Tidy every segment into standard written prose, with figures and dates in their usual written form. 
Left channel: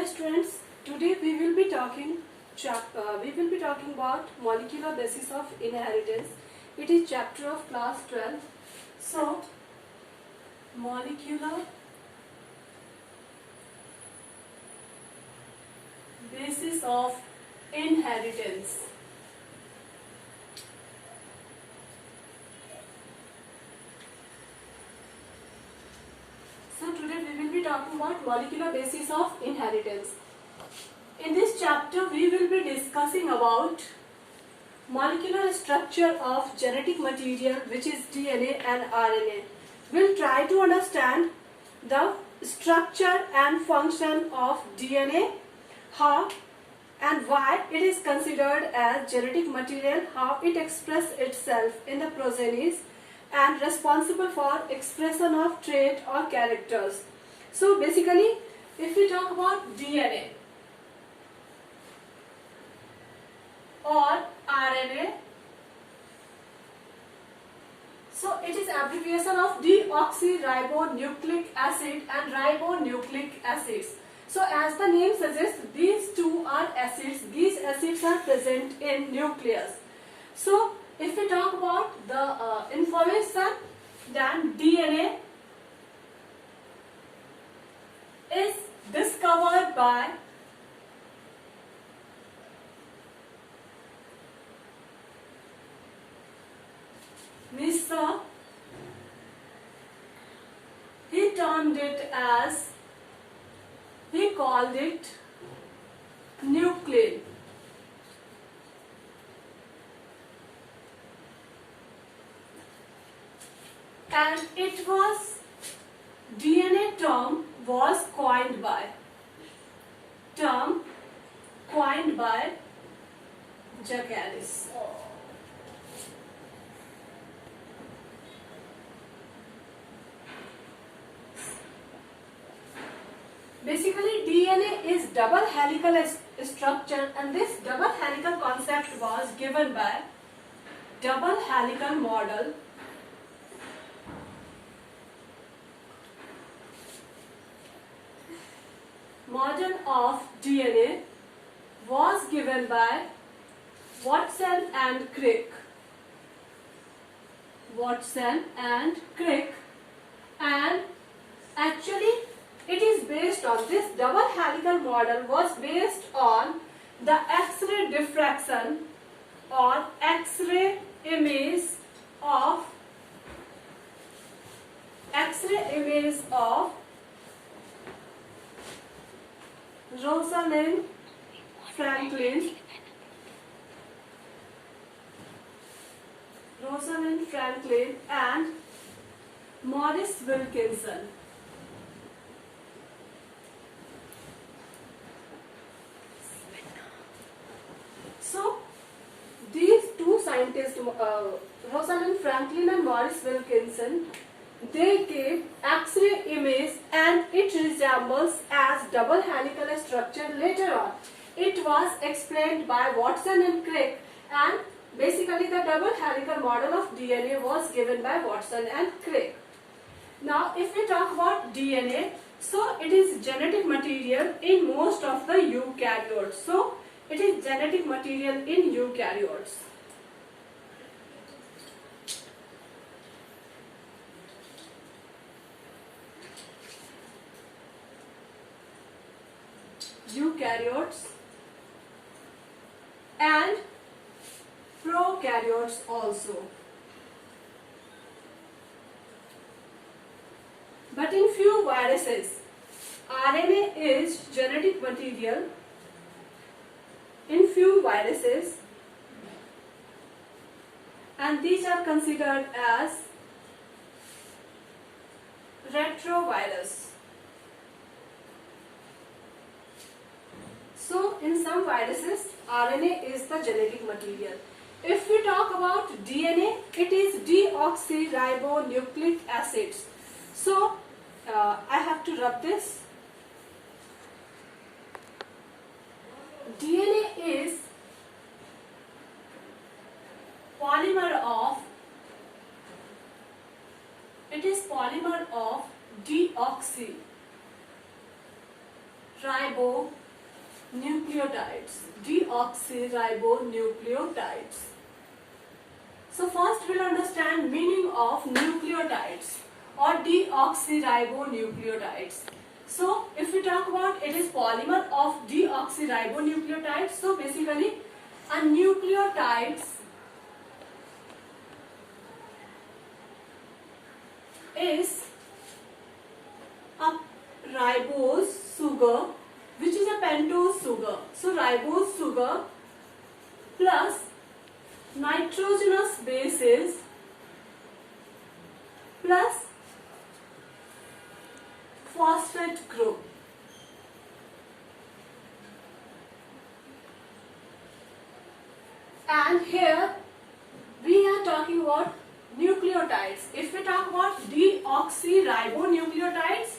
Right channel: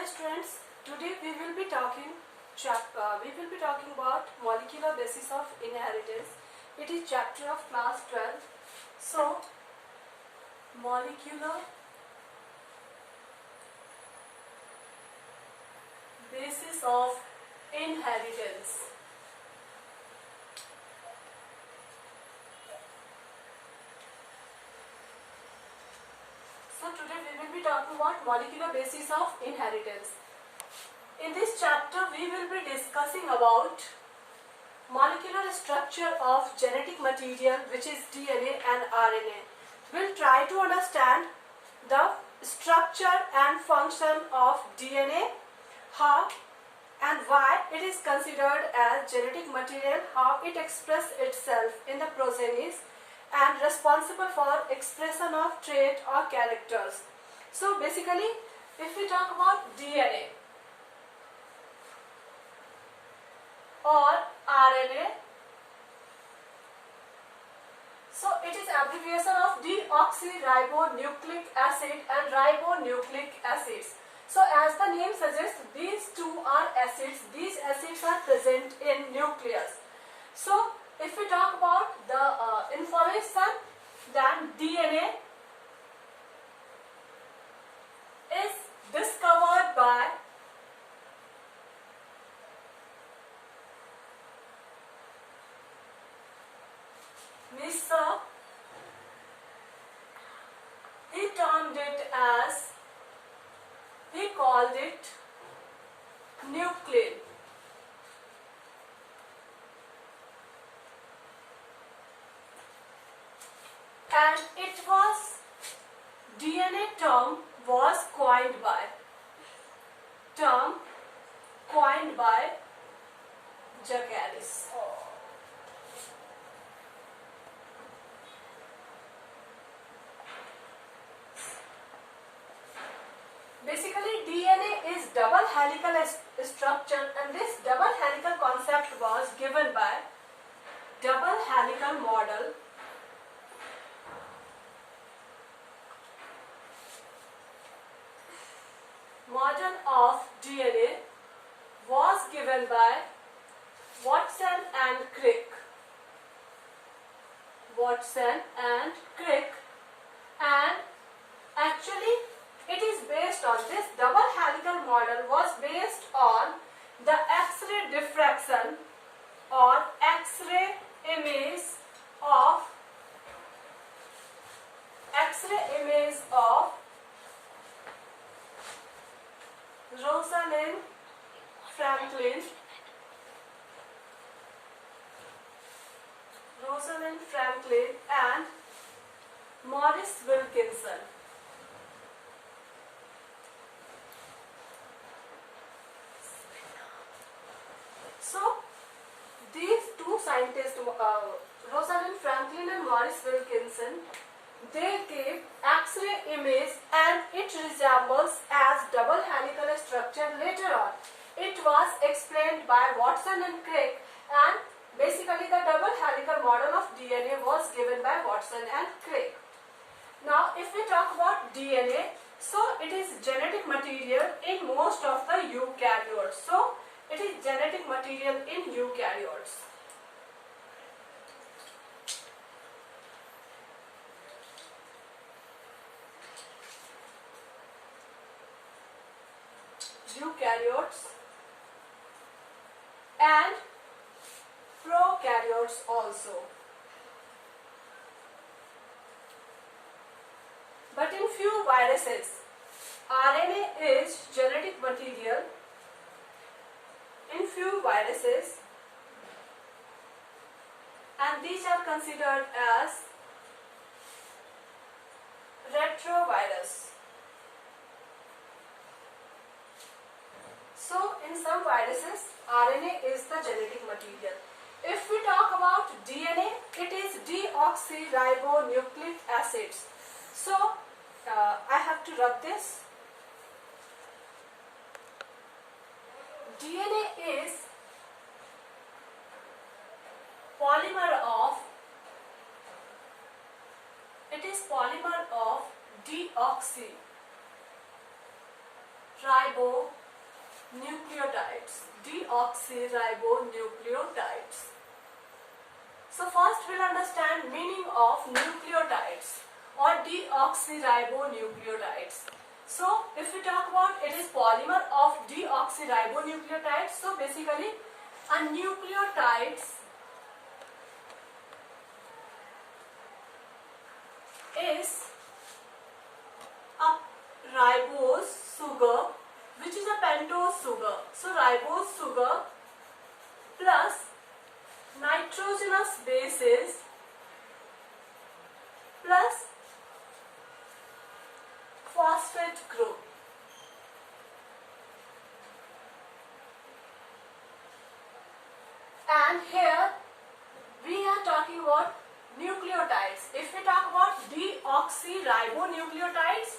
Hello students, today we will be talking about molecular basis of inheritance. It is chapter of class 12. So, molecular basis of inheritance. So today we will be talking about molecular basis of inheritance. In this chapter we will be discussing about molecular structure of genetic material, which is DNA and RNA. We'll try to understand the structure and function of DNA, how and why it is considered as genetic material, how it expresses itself in the progenies, and responsible for expression of trait or characters. So basically, if we talk about DNA or RNA, so it is abbreviation of deoxyribonucleic acid and ribonucleic acids. So as the name suggests, these two are acids. These acids are present in nucleus. So if we talk about the information, then DNA is discovered by Mr. He termed it as, he called it nuclein. And it was DNA term was coined by Jacqueline. Basically, DNA is double helical structure, and this double helical concept was given by double helical model of DNA was given by Watson and Crick. And actually it is based on this double helical model was based on the X-ray diffraction or X-ray image of Rosalind Franklin and Maurice Wilkinson. So these two scientists, Rosalind Franklin and Maurice Wilkinson, they gave X-ray image and it resembles as double helical structure. Later on, it was explained by Watson and Crick, and basically the double helical model of DNA was given by Watson and Crick. Now, if we talk about DNA, so it is genetic material in most of the eukaryotes. So it is genetic material in eukaryotes. And prokaryotes also. But in few viruses, RNA is genetic material. In few viruses, and these are considered as retrovirus. So in some viruses, RNA is the genetic material. If we talk about DNA, it is deoxyribonucleic acids. So I have to rub this. DNA is polymer of deoxyribonucleic deoxyribonucleotides. Deoxyribonucleotides. So first we'll understand meaning of nucleotides or deoxyribonucleotides. So if we talk about, it is polymer of deoxyribonucleotides. So basically a nucleotides is a ribose sugar which is a pentose sugar. So ribose sugar plus nitrogenous bases plus phosphate group. And here we are talking about nucleotides. If we talk about deoxyribonucleotides,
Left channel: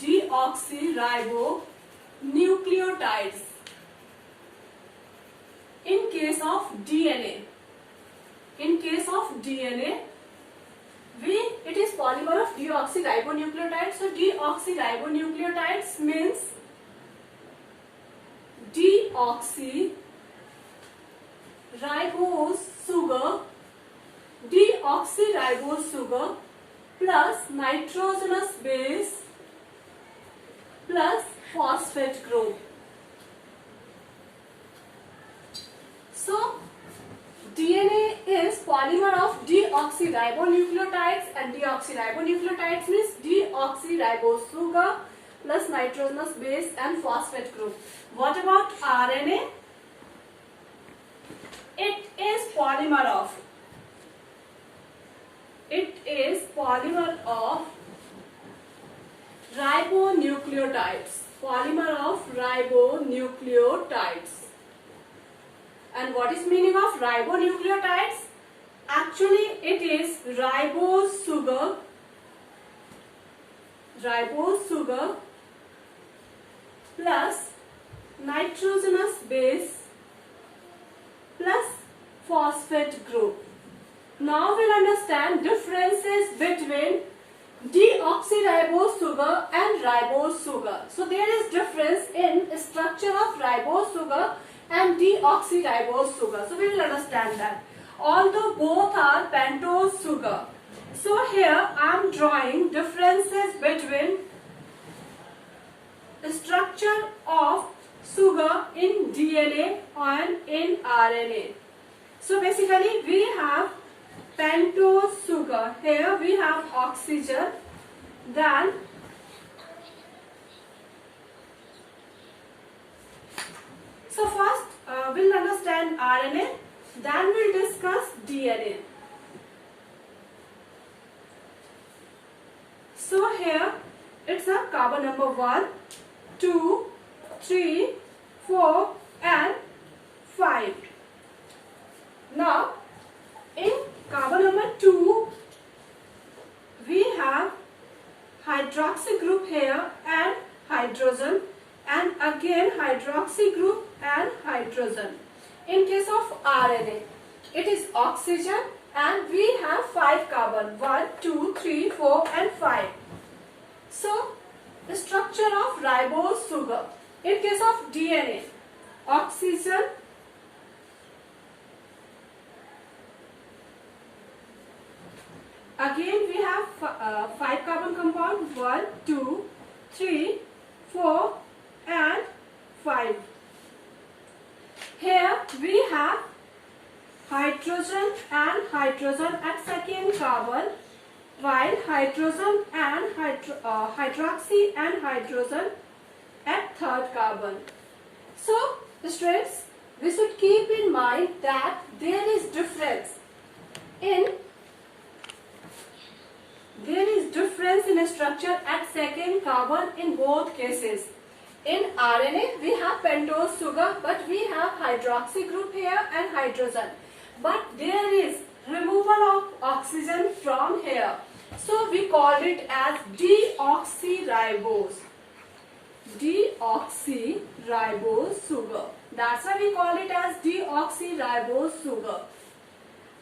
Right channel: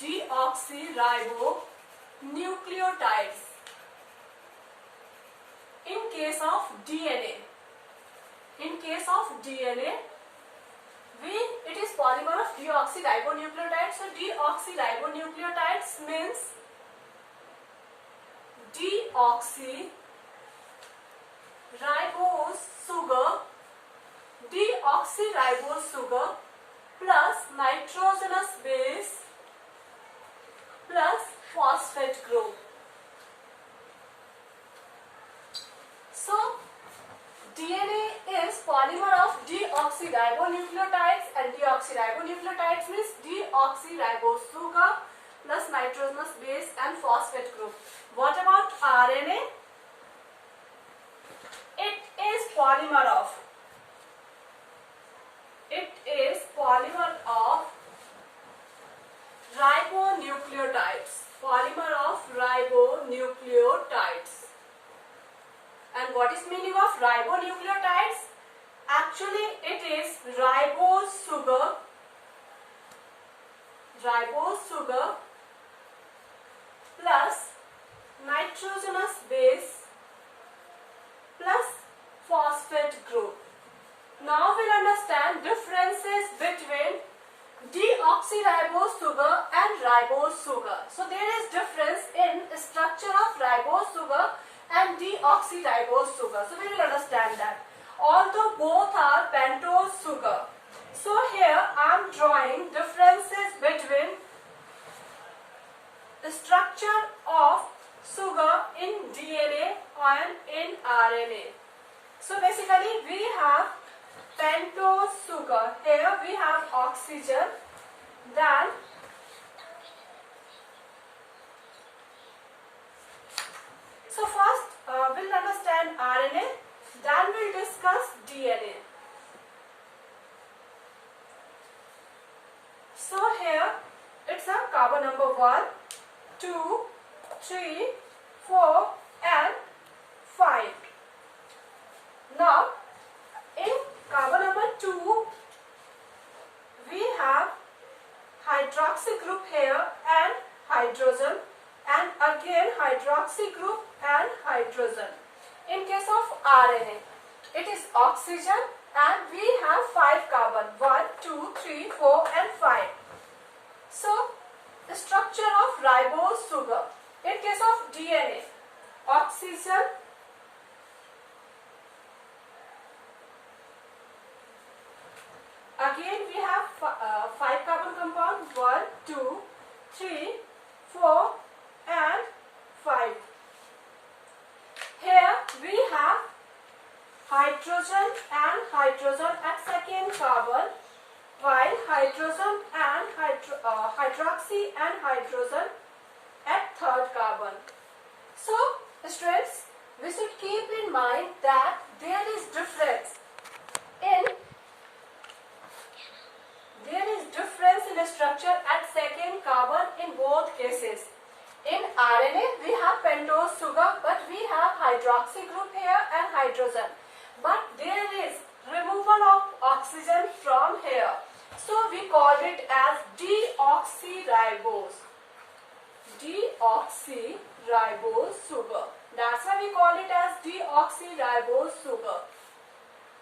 deoxyribonucleotides. In case of DNA, it is polymer of deoxyribonucleotides. So deoxyribonucleotides means deoxyribose sugar plus nitrogenous base plus phosphate group. So DNA is polymer of deoxyribonucleotides, and deoxyribonucleotides means deoxyribose sugar plus nitrogenous base and phosphate group. What about RNA? It is polymer of ribonucleotides. And what is meaning of ribonucleotides? Actually it is ribose sugar plus nitrogenous base plus phosphate group. Now we'll understand differences between deoxyribose sugar and ribose sugar. So there is difference in structure of ribose sugar and deoxyribose sugar. So we will understand that. Although both are pentose sugar. So here I am drawing differences between the structure of sugar in DNA and in RNA. So basically we have pentose sugar. Here we have oxygen. Then so first we'll understand RNA, then we'll discuss DNA. So here it's a carbon number 1, 2, 3, 4 and 5. Now in carbon number 2 we have hydroxy group here and hydrogen, and again hydroxy group and hydrogen. In case of RNA, it is oxygen and we have 5 carbon, 1, 2, 3, 4 and 5. So the structure of ribose sugar. In case of DNA, oxygen, again we have 5 carbon compound, 1, 2, 3, 4 and 5. Here we have hydrogen and hydrogen at second carbon, while hydrogen and hydroxy and hydrogen at third carbon. So students, we should keep in mind that there is difference in structure at second carbon in both cases. In RNA we have pentose sugar, but we have hydroxy group here and hydrogen, but there is removal of oxygen from here, so we call it as deoxyribose sugar. That's why we call it as deoxyribose sugar.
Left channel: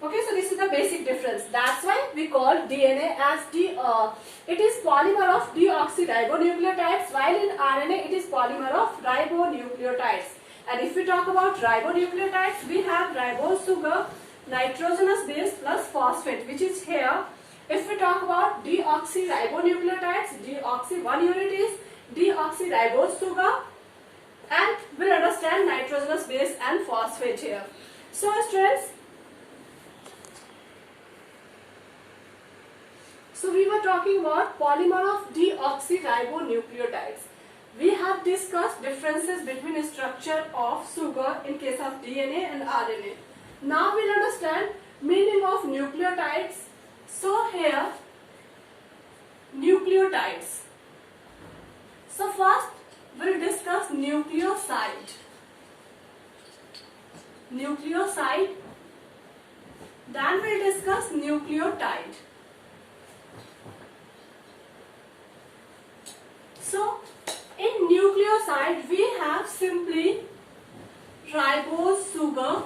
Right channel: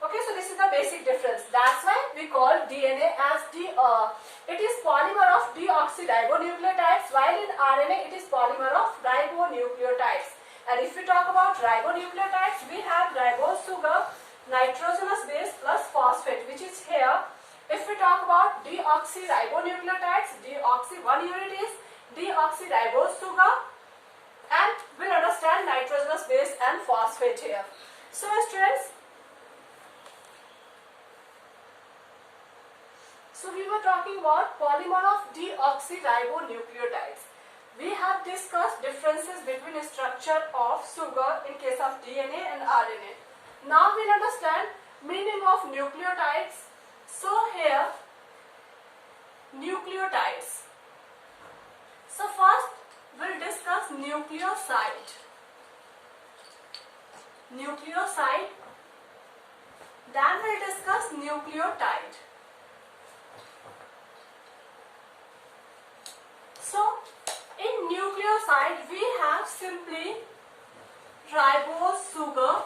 Okay, so this is the basic difference. That's why we call DNA as it is polymer of deoxyribonucleotides, while in RNA it is polymer of ribonucleotides. And if we talk about ribonucleotides, we have ribose sugar, nitrogenous base plus phosphate, which is here. If we talk about deoxyribonucleotides, deoxy, one unit is deoxyribose sugar, and we'll understand nitrogenous base and phosphate here. So students, so we were talking about polymer of deoxyribonucleotides. We have discussed differences between structure of sugar in case of DNA and RNA. Now we'll understand meaning of nucleotides. So here, nucleotides. So first we'll discuss nucleoside. Nucleoside. Then we'll discuss nucleotide. So in nucleoside we have simply ribose sugar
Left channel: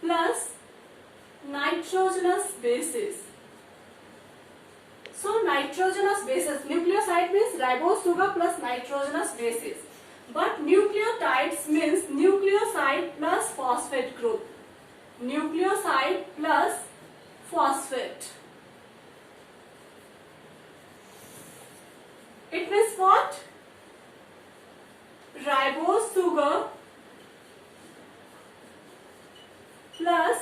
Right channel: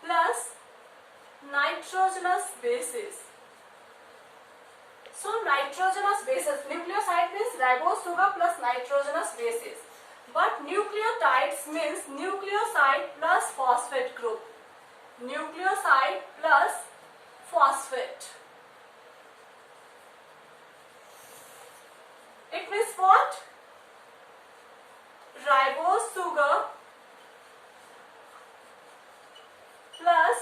plus nitrogenous bases. So nitrogenous bases, nucleoside means ribose sugar plus nitrogenous bases. But nucleotides means nucleoside plus phosphate group. Nucleoside plus phosphate. It means what? Ribose sugar plus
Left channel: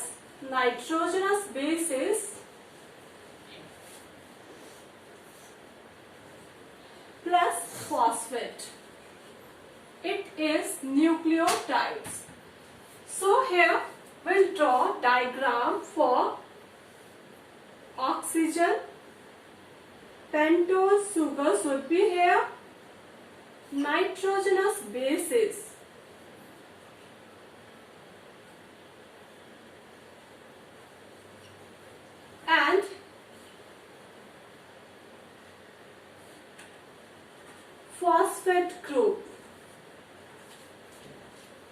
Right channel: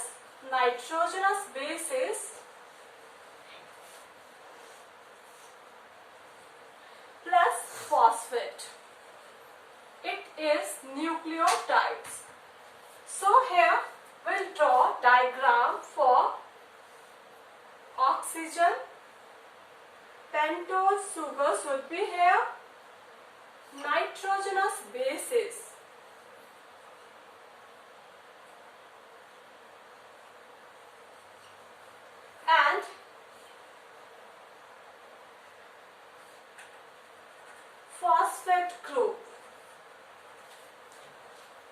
nitrogenous bases plus phosphate. It is nucleotides. So here we'll draw diagram for oxygen. Pentose sugar should be here. Nitrogenous bases. And phosphate group.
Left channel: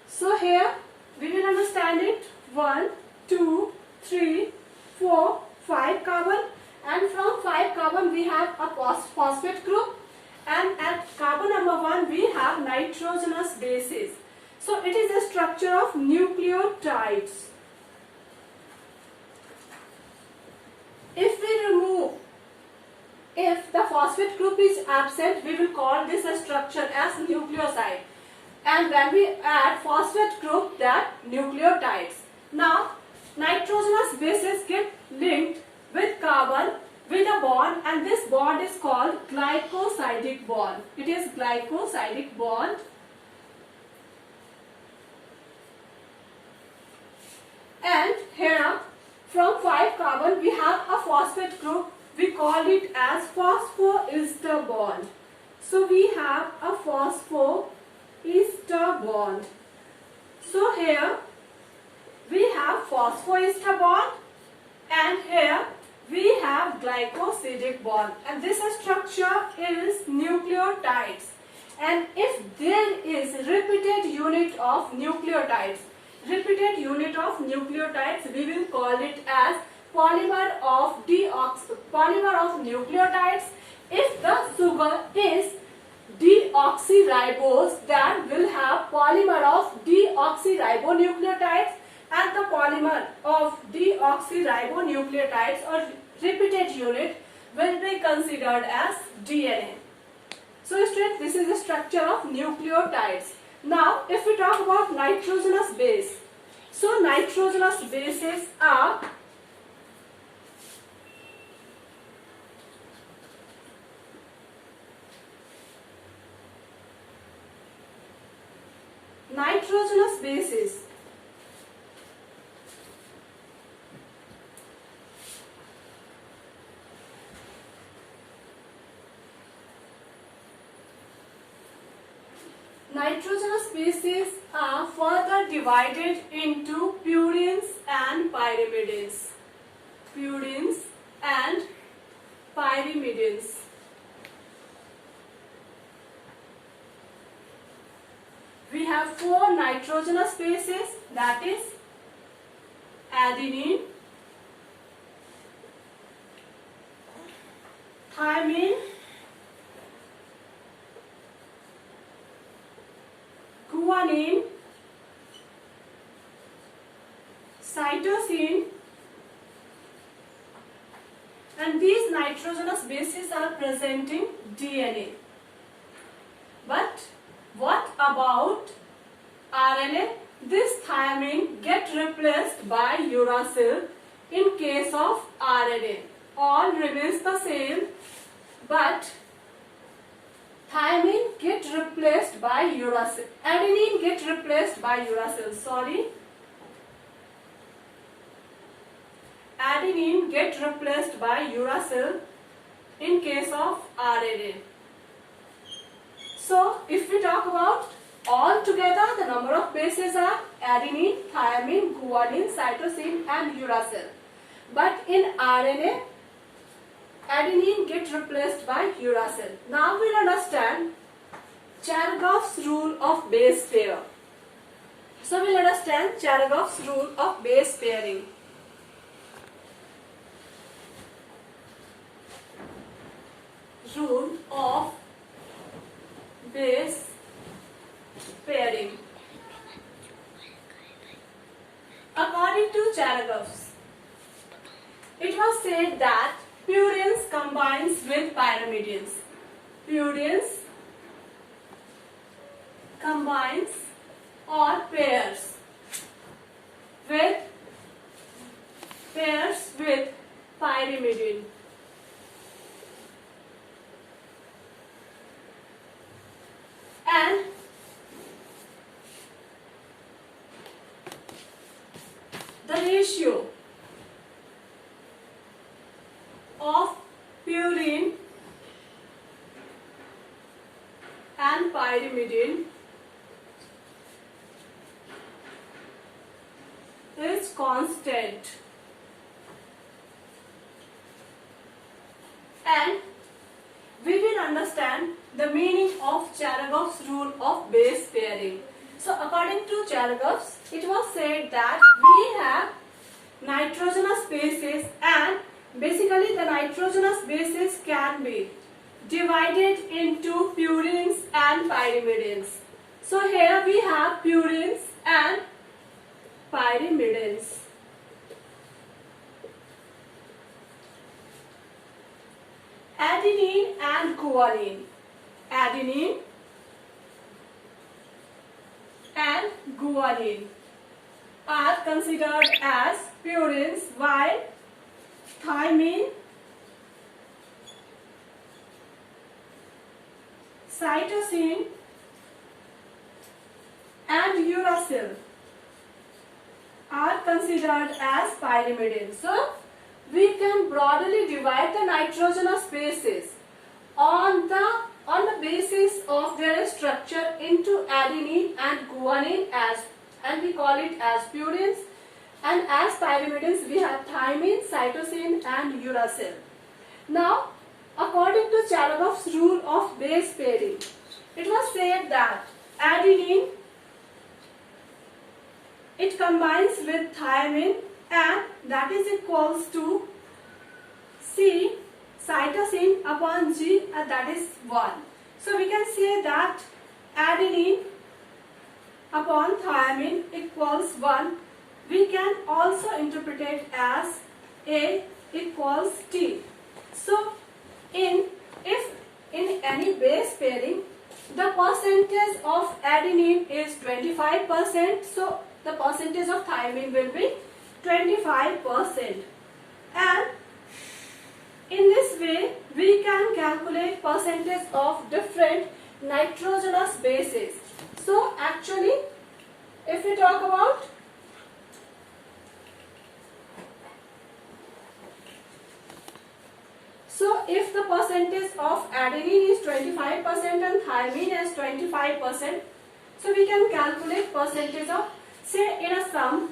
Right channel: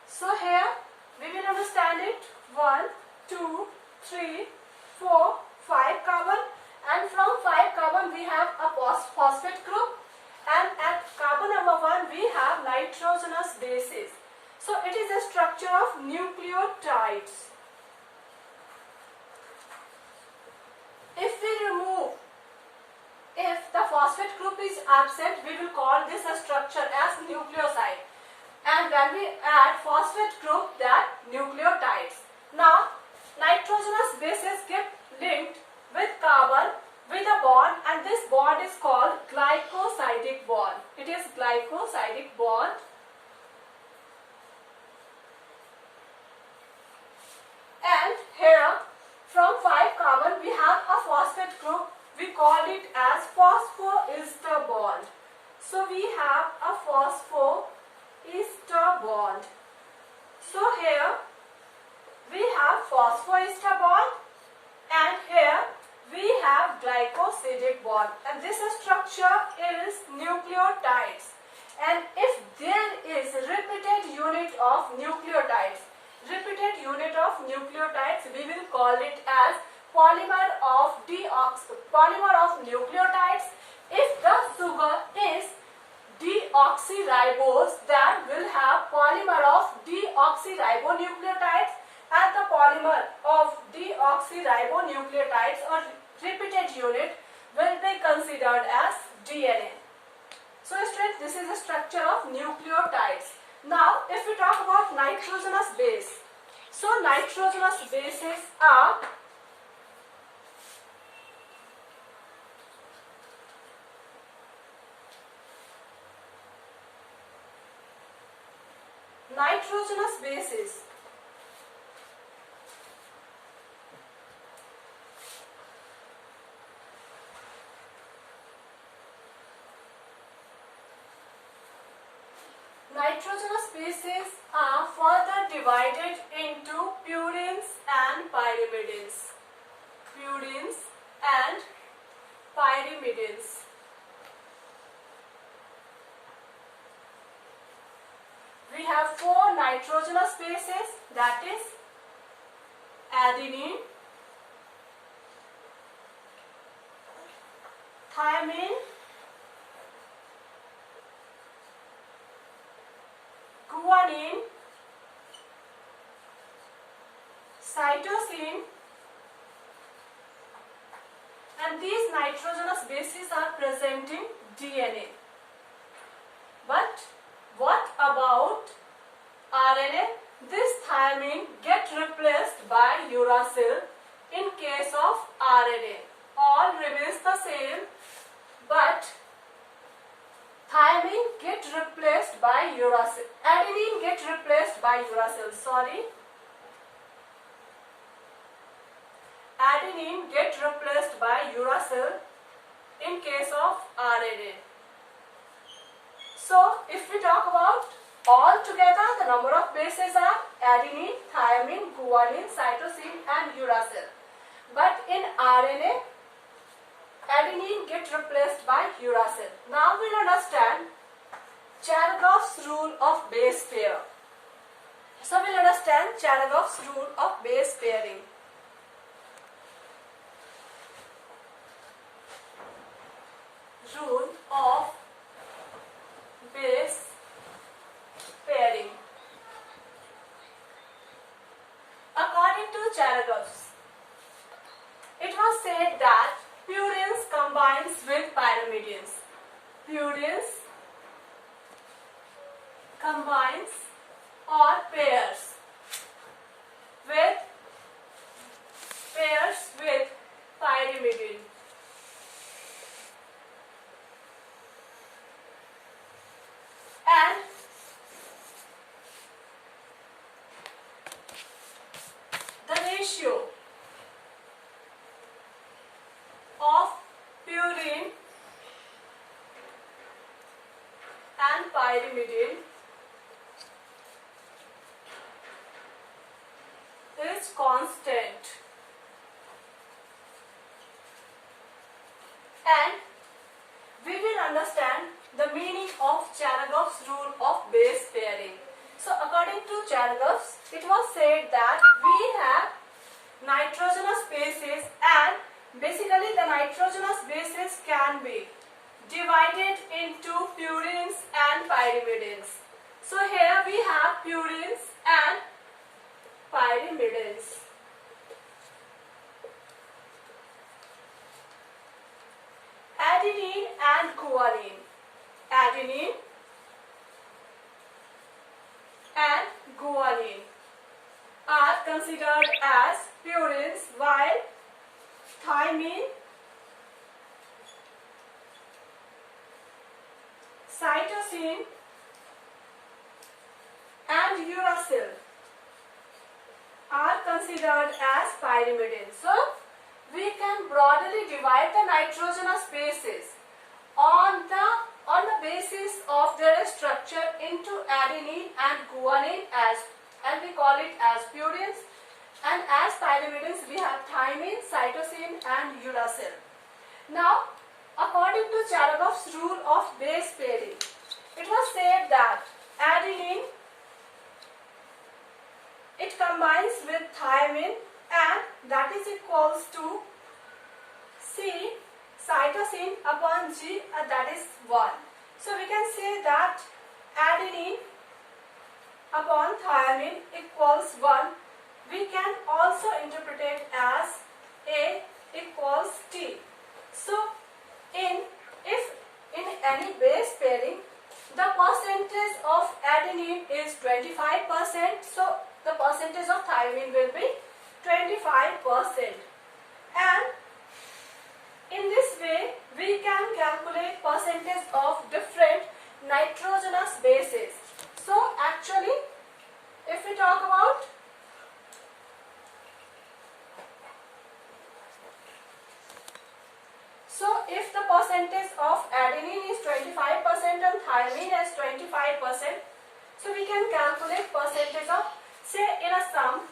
So here we will understand it. 1, 2, 3, 4, 5 carbon. And from 5 carbon we have a phosphate group, and at carbon number 1 we have nitrogenous bases. So it is a structure of nucleotides. If the phosphate group is absent, we will call this a structure as nucleoside. And when we add phosphate group, that nucleotides. Now nitrogenous bases get linked with carbon with a bond, and this bond is called glycosidic bond. It is glycosidic bond. And here from 5 carbon we have a phosphate group. We call it as phosphoester bond. So we have a phosphoester bond. So here we have phosphoester bond, and here we have glycosidic bond, and this structure is nucleotides. And if there is repeated unit of nucleotides, we will call it as polymer of nucleotides. If the sugar is deoxyribose, then we'll have polymer of deoxyribonucleotides, and the polymer of deoxyribonucleotides or repeated unit will be considered as DNA. So students, this is the structure of nucleotides. Now if we talk about nitrogenous base, so nitrogenous bases are nitrogenous bases. Nitrogenous bases are further divided into purines and pyrimidines. Purines and pyrimidines. We have 4 nitrogenous bases, that is adenine, thymine, guanine, cytosine, and these nitrogenous bases are present in DNA. But what about RNA? This thymine get replaced by uracil in case of RNA. All remains the same, but thymine get replaced by uracil. Adenine get replaced by uracil. Sorry. Adenine get replaced by uracil in case of RNA. So, if we talk about all together, the number of bases are adenine, thymine, guanine, cytosine and uracil. But in RNA, adenine gets replaced by uracil. Now we will understand Cheragov's rule of base pair. So, we will understand Cheragov's rule of base pairing. Rule of base pairing. According to Cheragov's, it was said that purines combines with pyrimidians. Purines combines or pairs with pyrimidine. And the ratio of purine and pyrimidine is constant, and we will understand the meaning of Cheragov's rule of base pairing. So, according to Cheragov's, it was said that we have nitrogenous bases, and basically the nitrogenous bases can be divided into purines and pyrimidines. So, here we have purines and pyrimidines. Adenine and guanine. Adenine and guanine are considered as purines, while thymine, cytosine and uracil are considered as pyrimidines. So, we can broadly divide the nitrogenous bases on the basis of their structure into adenine and guanine, and we call it as purines, and as pyrimidines we have thymine, cytosine and uracil. Now, according to Cheragov's rule of base pairing, it was said that adenine, it combines with thymine, and that is equals to C cytosine upon G, and that is 1. So we can say that adenine upon thymine equals 1. We can also interpret it as A equals T. So if in any base pairing the percentage of adenine is 25%, so the percentage of thymine will be 25%. And in this way, we can calculate percentage of different nitrogenous bases. So actually, if we talk about if the percentage of adenine is 25% and thymine is 25%, so we can calculate percentage of, say in a sum,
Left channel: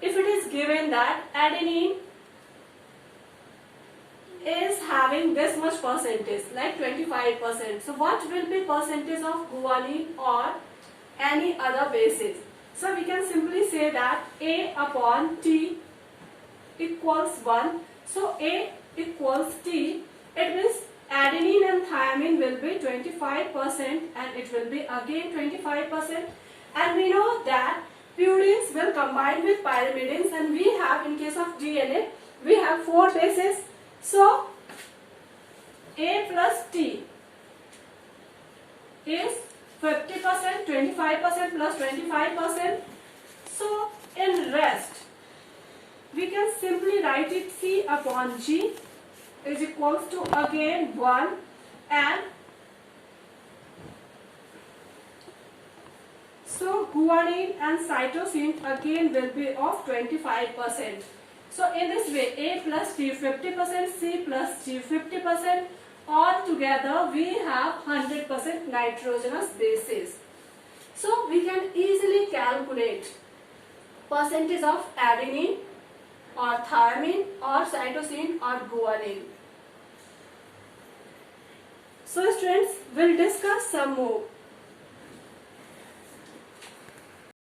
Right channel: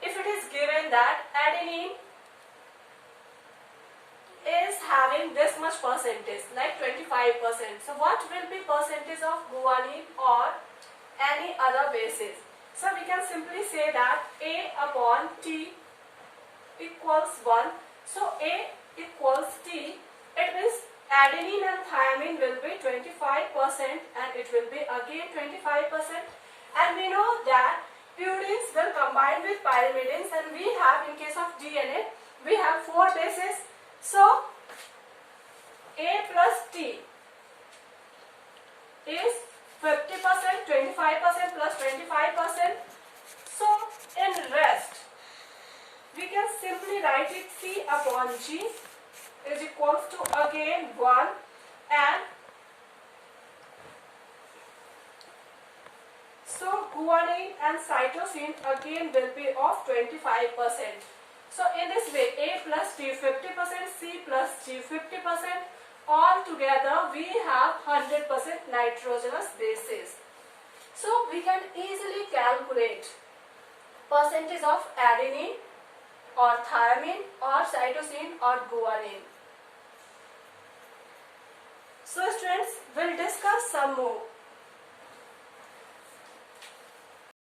if it is given that adenine is having this much percentage, like 25%. So what will be percentage of guanine or any other bases? So we can simply say that A upon T equals 1. So A equals T. It means adenine and thymine will be 25% and it will be again 25%. And we know that purines will combine with pyrimidines, and we have, in case of DNA, we have 4 bases. So A plus T is 50%, 25% plus 25%. So in rest, we can simply write it C upon G is equals to again 1, and so guanine and cytosine again will be of 25%. So in this way, A plus T 50%, C plus G 50%, all together we have 100% nitrogenous bases. So we can easily calculate percentage of adenine or thymine or cytosine or guanine. So students, we'll discuss some more.